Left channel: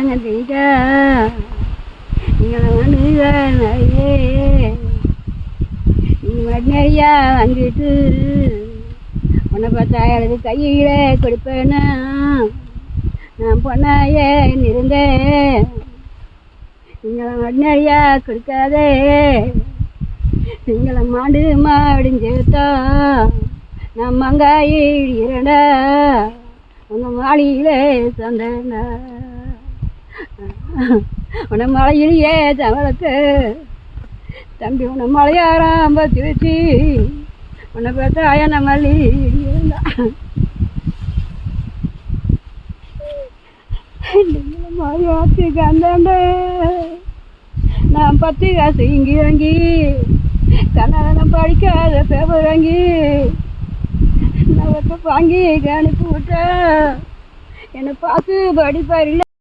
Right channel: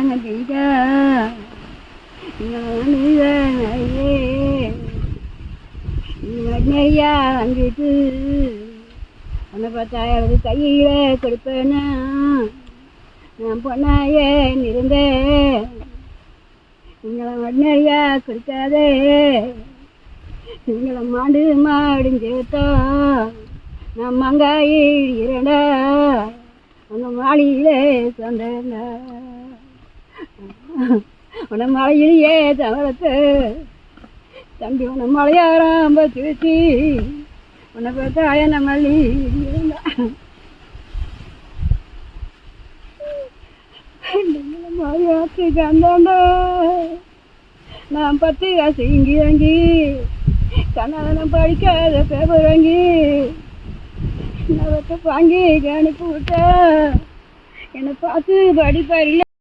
தீதா நீயே நீ மடியா அங்கிட்டு உன்னை பார்த்தா எனக்கு கையிலே கொடுப்பேனா நான் பொண்ணாயே இருந்தேன் நீங்களை மடியா கொடுக்காதே நீங்களை மாடு மாடிஞ்சேத்தா நான் மங்காயி இரண்டா உன்னை மாளிகளே சந்தேண்டா உன்னை மலையிலேயே தமிழத்து தம்பி உன்னை மலையாராம்ப திருச்சி உன்னை பார்த்தா என்ன மல்லி இருந்தா மலையாத்தி கந்தாண்ட நான் 10 காசு இங்கி வாங்கி கண்ணாலம் படிக்காத பேப்பர் வாங்கி நான் வாங்கி அனுப்பி விட்டேன் என்னை பார்த்து படிப்பாரில்ல